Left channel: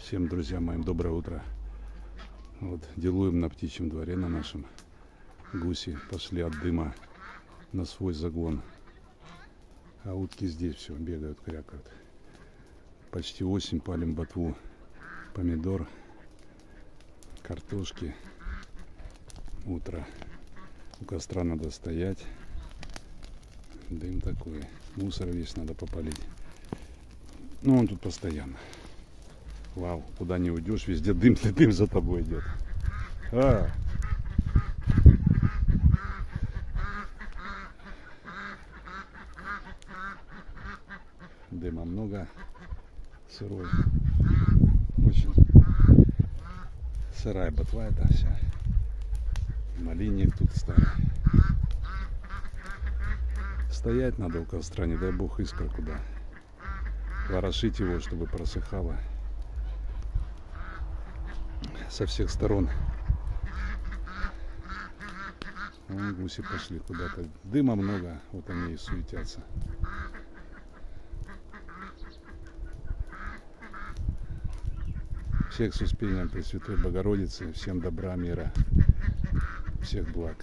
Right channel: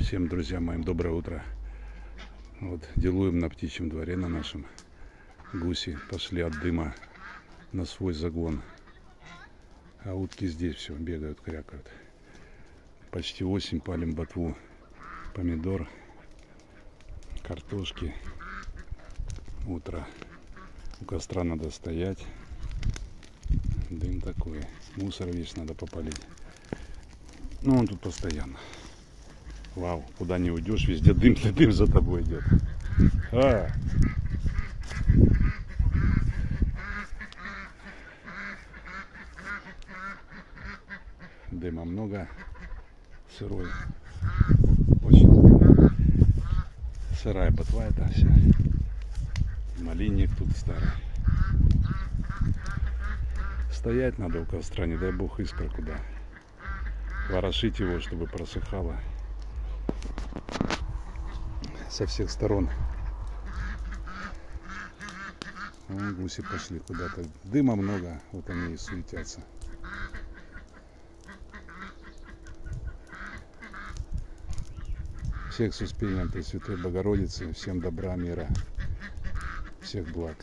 Всем, друзья моим, доброе утро. Вот делуем на птичьем дворе на нашем. Гуси пошли от дыма на свой загон, а утки здесь все бегают, крякают. Почти осень, палим ботву помидор, картошки. Утро, у костра надо стоять, дым такой, мусор весь надо попалить. Ну, он тут постоянно. Вау, куда не уйдешь, везде дым для дым за тобой идет. Дыма много, сырой, очень сырая ботва это вся. Малинник тут старый. Стоять надо у костра, не дай бог искра куда. Ворошить его, чтобы просыхало со всех сторон. Вон гуси пошли куда-то. Дыма много, вот они и суетятся. Всех с успением Пресвятой Богородицы, всем добра, мира, всех благ.